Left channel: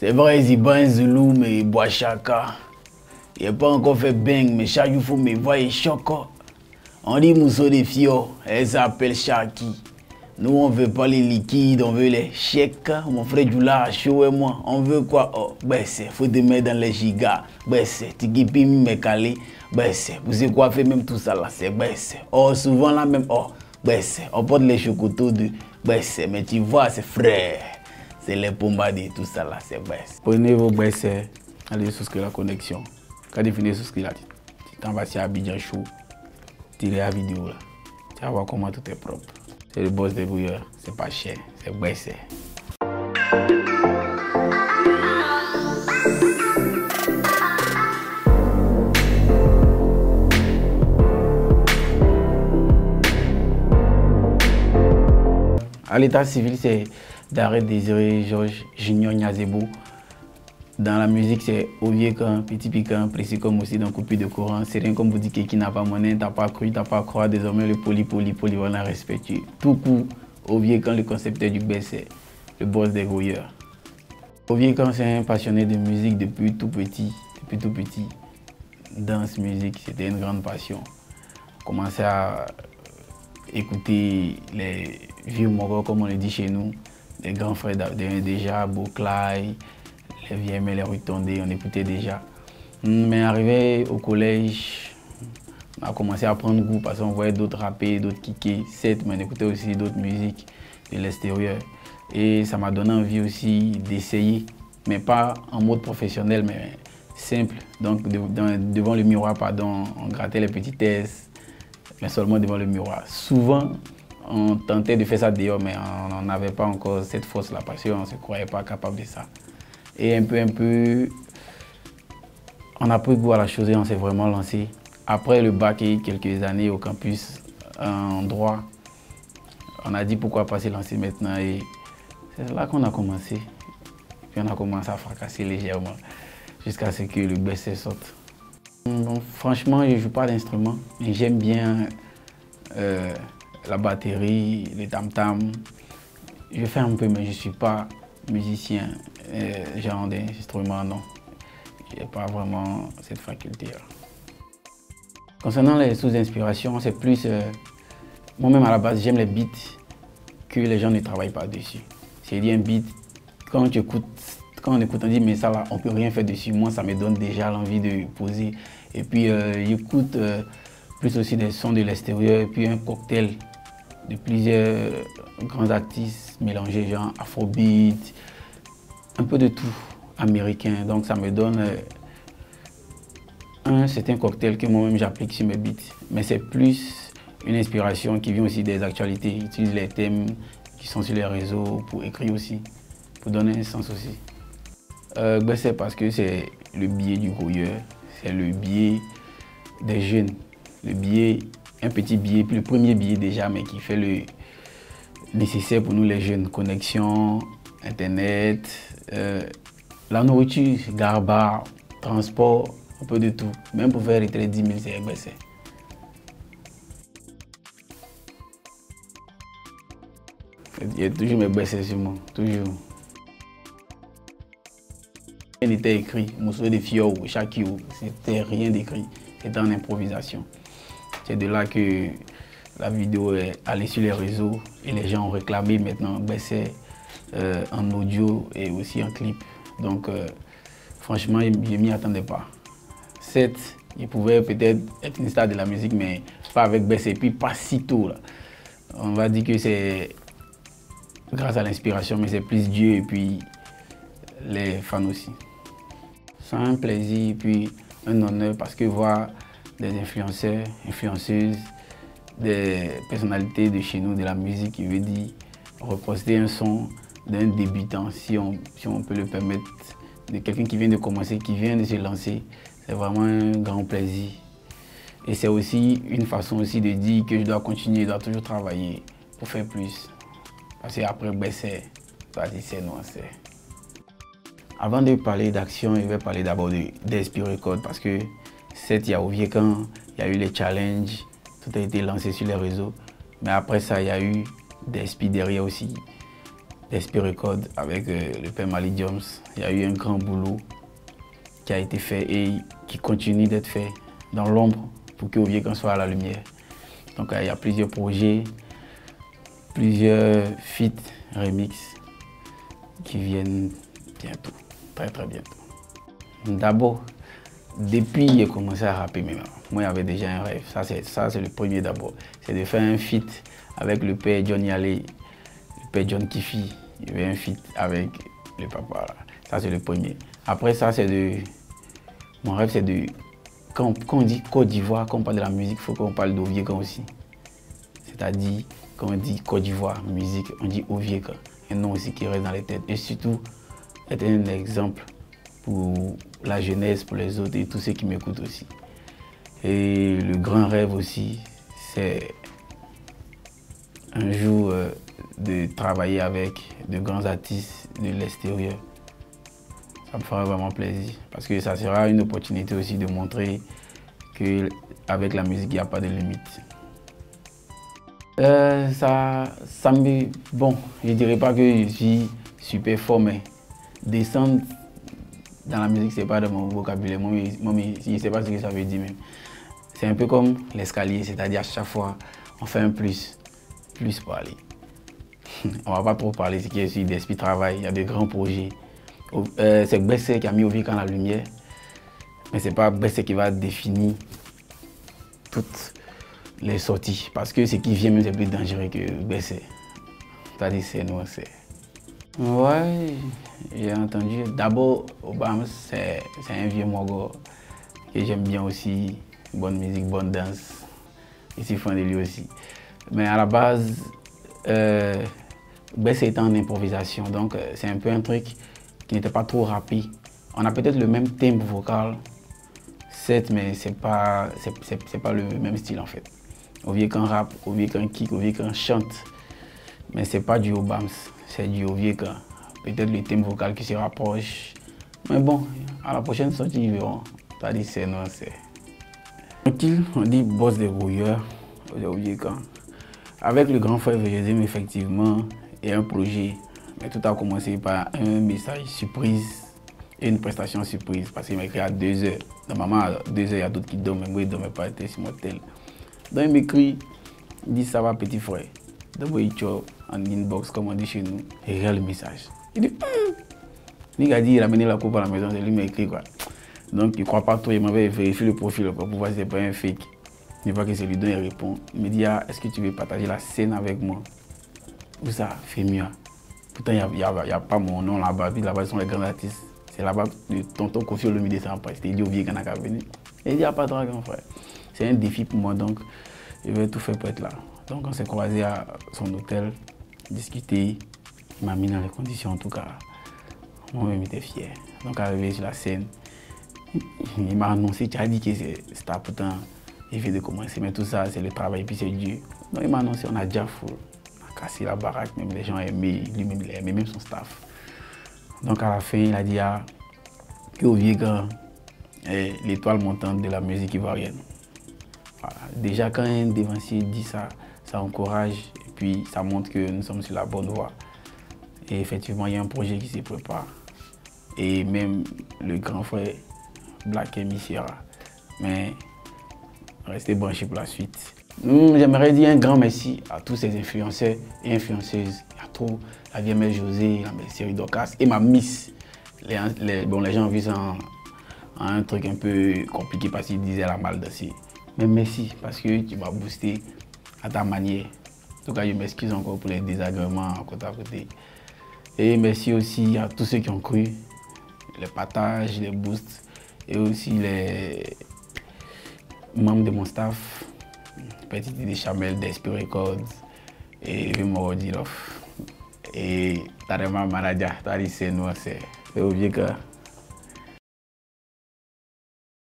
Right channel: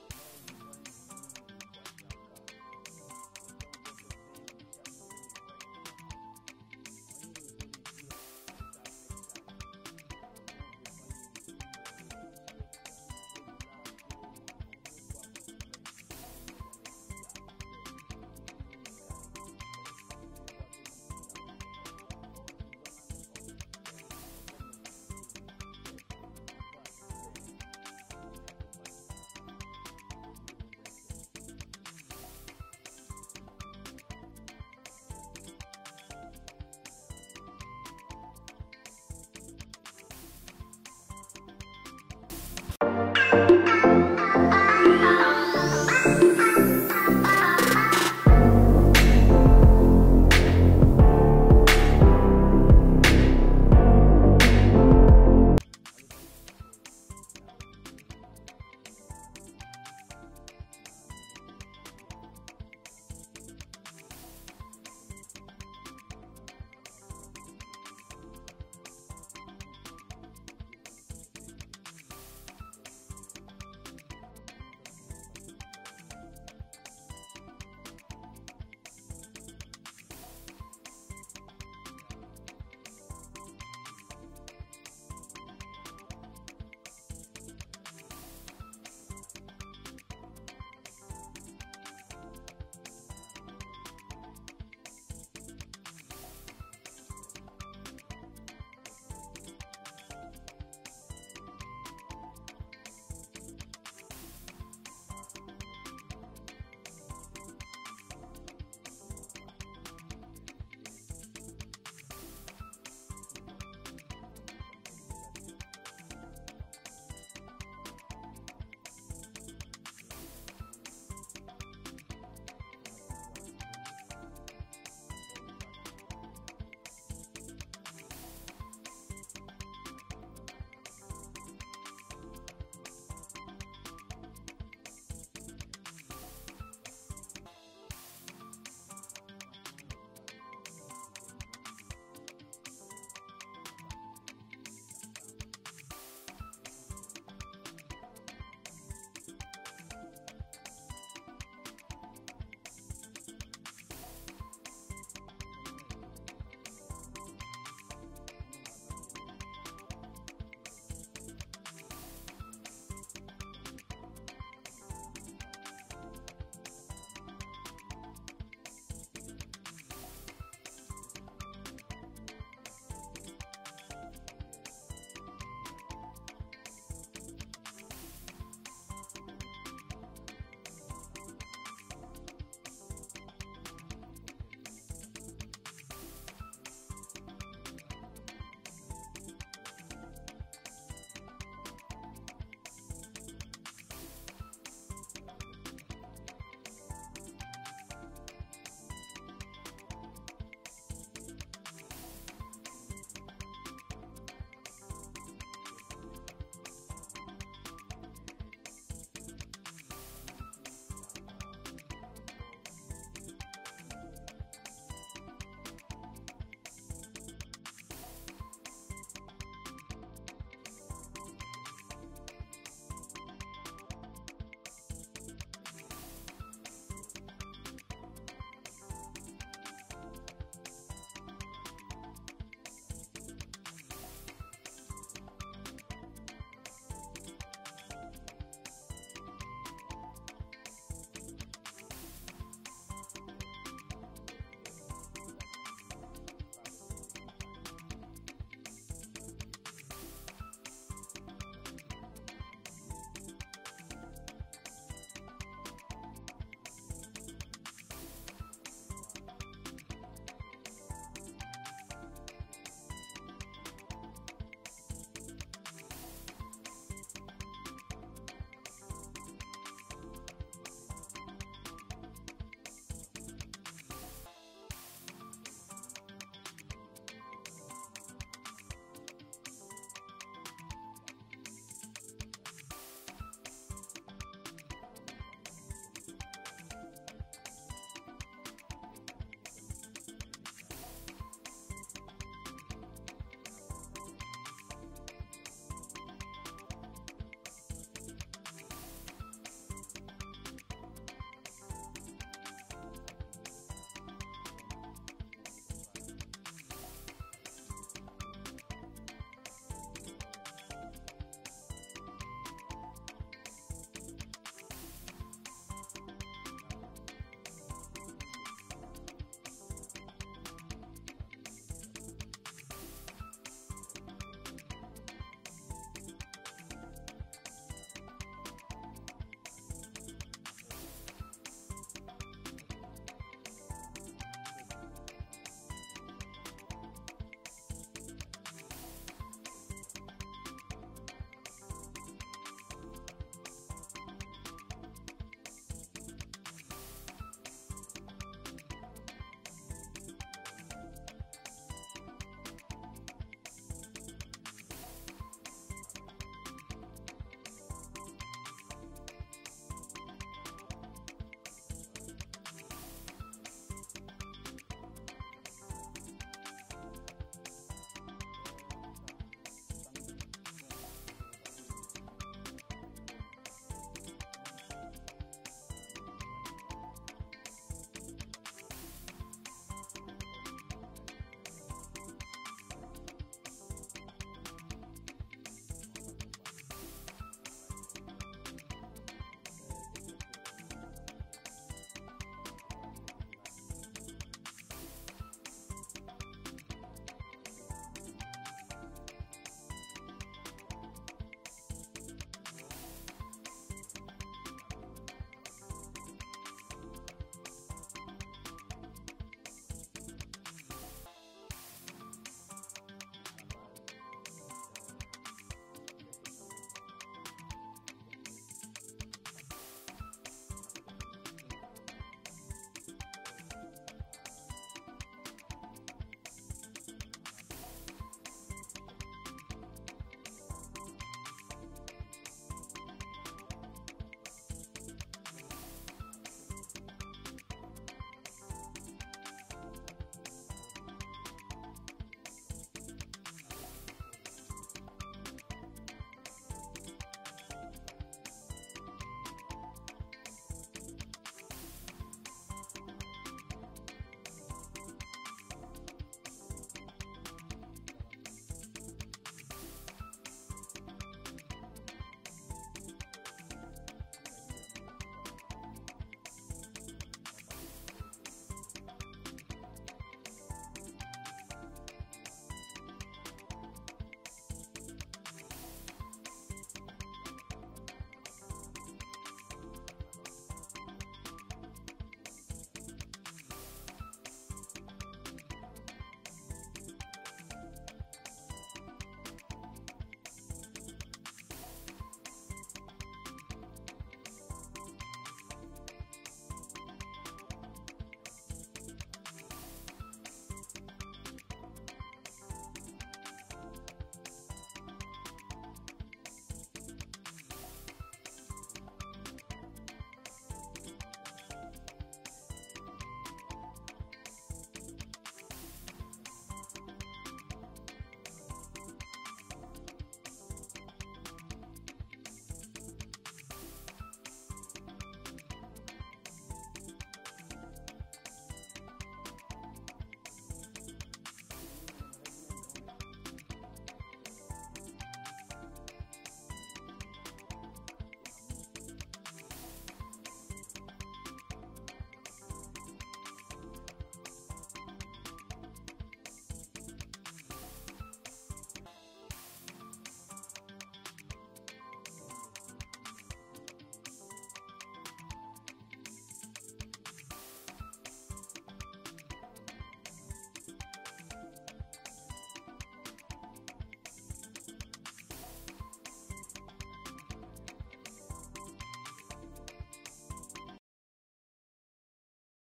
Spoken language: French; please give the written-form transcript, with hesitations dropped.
C'est vrai, ils y boivent Zulu, mais ils boivent Chaka. Il n'a pas encore fait bang, mais chaque jour, il faut me voir et choco. On dit mousseau de fio, elle s'appelle Chaki. Nous, on veut pas les liquides, on veut les chèques. Mon frère Djoula, Chaud et moi, on veut quoi? Oh, ben c'est, faut te mettre dans les gigas. Ben c'est, Tikipi, Mekali. Ben c'est, vous savez quoi faire même tout ça là, c'est ben c'est. Oh, souvent là même, oh, ben c'est, on porte les chocotos de ben c'est, mais tu vois, c'est frère. C'est les pombades et tout ça là, c'est ben c'est. Prenez vos ben c'est, allez souscrire la connexion. Quand tu finis de souscrire là, tu t'en vas sur Abidjan Show, tu la vidéo là. Tu vas voir comment tout est propre. C'est le boss des bouilleurs, c'est pas cher, c'est baissé. À l'état civil, c'est d'arrêt Désiré Georges Junior Niazebo. Dans la musique, c'est Oviekan, Petit Piquant, précis comme aussi dans Coupure de courant. C'est rien comme vous dites qui n'a pas monnaie, t'as pas cru, t'as pas croire. Désormais, le polyvalent respectueux. Tout coup, Oviekan, le concepteur du BC, le boss des voyeurs. Oviekan, c'est un passionné de musique depuis tout petit. Danse, musique, c'était une grande passion. On commençait à écouter les vieux moraux, comme on le dit chez nous, les grands frères déjà, Boclay, les vieilles mais les retombées, on écoutait déjà. Mais arrivé au collège, on a commencé à prendre goût parce qu'on voyait d'autres rapper, d'autres kicker, certes, mais on écoutait aussi d'autres musiques de l'extérieur. Et ça m'a donné envie aussi d'essayer, mais pas en mode professionnel, mais simple. Donc devant le miroir, pardon, on grattait les petits tests, mais seulement devant le miroir. Souvent, on tentait de faire ça dehors, mais on n'avait pas encore cette force-là parce qu'on ne se croyait pas capable de ça. Et un peu, on a pris goût à la chose et on s'est vraiment lancé. Après le bac et quelques années au campus en droit, on a dit pourquoi pas se lancer maintenant. Et c'est là qu'on a commencé. Puis on a commencé à fracasser légèrement jusqu'à ce que le BC sorte. Bon, franchement, je ne joue pas d'instrument, mais j'aime bien la batterie, les tam-tam. Je fais un peu, mais je ne suis pas musicien, genre d'instrument, non. Je n'ai pas vraiment cette faculté-là. Concernant les sous-inspirations, c'est plus... moi-même, à la base, j'aime les beats que les gens ne travaillent pas dessus. C'est-à-dire un beat, quand on écoute, on dit, mais ça là, on ne peut rien faire dessus. Moi, ça me donne déjà l'envie de poser. Et puis, j'écoute plus aussi des sons de l'extérieur, et puis un cocktail de plusieurs grands artistes mélangés, genre afrobeat, un peu de tout américain. Donc ça me donne c'est un cocktail que moi-même j'applique sur mes beats. Mais c'est plus une inspiration qui vient aussi des actualités. J'utilise les thèmes qui sont sur les réseaux pour écrire aussi, pour donner un sens aussi. C'est parce que c'est le biais du voyeur, c'est le biais des jeunes. Le biais, un petit biais, le premier biais déjà, mais qui fait le nécessaire pour nous les jeunes. Connexion, internet, la nourriture, garba, transport, un peu de tout. Même pour faire retirer 10 000, c'est baissé. Il y a toujours mes baissés sur moi, toujours. Rien n'était écrit, Mousseau de Fio, Chaki, c'était rien d'écrit, c'était en improvisation. C'est de là que la vidéo est allée sur les réseaux et les gens ont réclamé maintenant baisser en audio et aussi en clip. Donc franchement, je ne m'y attendais pas. Certes, il pouvait peut-être être une star de la musique, mais pas avec Bessé, et puis pas si tôt. Là. On va dire que c'est grâce à l'inspiration, mais c'est plus Dieu et puis les fans aussi. C'est un plaisir et puis un honneur parce que voir des influenceurs, influenceuses, des personnalités de chez nous, de la musique, qui veut dire reposter un son d'un débutant, si on peut le permettre, de quelqu'un qui vient de commencer, qui vient de se lancer, c'est vraiment un grand plaisir. Et c'est aussi une façon aussi de dire que je dois continuer, je dois toujours travailler pour faire plus. Parce qu'après, c'est non. Avant de parler d'action, je vais parler d'abord d'Esprit Record parce que certes, il y a Oviekan, il y a eu les challenges, tout a été lancé sur les réseaux. Mais après ça, il y a eu d'Esprit derrière aussi. d'Esprit Record avec le père Malik Jones. Il y a eu un grand boulot qui a été fait et qui continue d'être fait dans l'ombre pour que Oviekan soit à la lumière. Donc il y a plusieurs projets, plusieurs feats, remix qui viennent bientôt, très bientôt. D'abord, depuis que j'ai commencé à rapper, moi j'avais déjà un rêve, ça c'est le premier d'abord, c'est de faire un feat avec le père John Yale, le père John Kifi, il y avait un feat avec le papa, ça c'est le premier. Après ça mon rêve c'est de, quand on dit Côte d'Ivoire, quand on parle de la musique, il faut qu'on parle d'Oviekan aussi. C'est-à-dire, quand on dit Côte d'Ivoire, musique, on dit Oviekan, un nom aussi qui reste dans les têtes. Et surtout, être un exemple pour la jeunesse, pour les autres et tous ceux qui m'écoutent aussi. Et le grand rêve aussi, c'est un jour de travailler avec de grands artistes de l'extérieur. Ça me fera vraiment plaisir parce que ça sera une opportunité aussi de montrer qu'avec la musique, il n'y a pas de limite. Bon, je ne dirais pas que je suis super fort, mais descendre dans la musique, ce n'est pas dans mon vocabulaire. Moi, je ne sais pas ce que ça veut dire, mais c'est un peu comme l'escalier, c'est-à-dire à chaque fois, on fait un plus pour aller. On ne va pas trop parler, c'est qu'il y a aussi d'esprit de travail, il y a de grands projets. C'est Gbese qui a mis Oviekan en la lumière, mais ce n'est pas Gbese qui va définir toutes les sorties, parce que ce qui vient même c'est plus dangereux que Gbese. C'est-à-dire c'est nous, c'est... Ouais, j'ai entendu. D'abord, Obama, c'est un vieux mogo que j'aime bien aussi. Bonne musique, bonne danse. Je suis fan de lui aussi. Mais à la base, Gbese était en improvisation, donc c'est un peu un truc qui n'était pas trop rapide. On a peut-être le même tempo vocal, certes, mais c'est pas le même style en fait. Oviekan rap, Oviekan kick, Oviekan chante, mais c'est pas du Obams, c'est du Oviekan. Peut-être le thème vocal qui se rapproche, mais bon, à la prochaine sortie, ils verront. T'as dit c'est non, c'est... Tranquille, on dit boss des rouilleurs, Oviekan. Avec le grand frère VGZM, effectivement, il y a un projet, mais tout a commencé par un message surprise et une prestation surprise, parce qu'il m'a écrit à 2 h. Normalement, à 2 h, il y a d'autres qui dorment, mais moi, il ne dormait pas, c'est mon tel. Donc il m'écrit, il dit ça va petit frère. D'abord il chope en inbox comme on dit chez nous et il regarde le message. Il dit il a dit il a amené la coupe à la maison, c'est lui qui m'a écrit quoi. Donc il ne croit pas trop, il m'avait vérifié le profil quoi, pour voir si c'est pas un fake. Il voit que c'est lui dont il répond. Il me dit ah, est-ce que tu veux partager la scène avec moi? Où ça fait mieux. Pourtant il n'y a pas mon nom là-bas, puis là-bas ils sont les grands artistes. C'est là-bas le tonton Kofi Olomide descend en presse. Il dit Oviekan n'a qu'à venir. Il dit ah pas toi grand frère. C'est un défi pour moi, donc je vais tout faire pour être là. Donc on s'est croisés à son hôtel, discuter, il m'a mis dans les conditions en tout cas. Moi-même j'étais fier. Donc arrivé sur la scène, il m'a annoncé, tu as dit que c'était pourtant, il vient de commencer, mais tout ça c'est le travail, puis c'est Dieu. Donc il m'a annoncé, on a déjà fou, on a cassé la baraque, même les gens aimaient, lui-même il aimait, même son staff. Donc à la fin il a dit que Oviekan est l'étoile montante de la musique ivoirienne. Voilà. Déjà quand un dévancier dit ça, ça encourage et puis ça montre que nous sommes sur la bonne voie. Et effectivement, il y a un projet qui se prépare. Et même le grand frère Black M sera. Mais restez branchés pour la suite. J'aimerais dire un grand merci à tous ces influenceurs et influenceuses. Il y a trop la vieille mère José, la belle série Dorcas et ma Miss. Les gens ont vu ça en un truc un peu compliqué parce qu'ils disaient la mal dansé. Mais merci parce que tu m'as boosté à ta manière. En tout cas, je m'excuse encore pour les désagréments côté à côté. Et merci aussi à tous ceux qui ont cru, les partages, les boosts et aussi les membres de mon staff, Petit des Chamel, d'Esprit Records et Vimoro Dilof. Et Tarema Manadia, c'est Oviekan.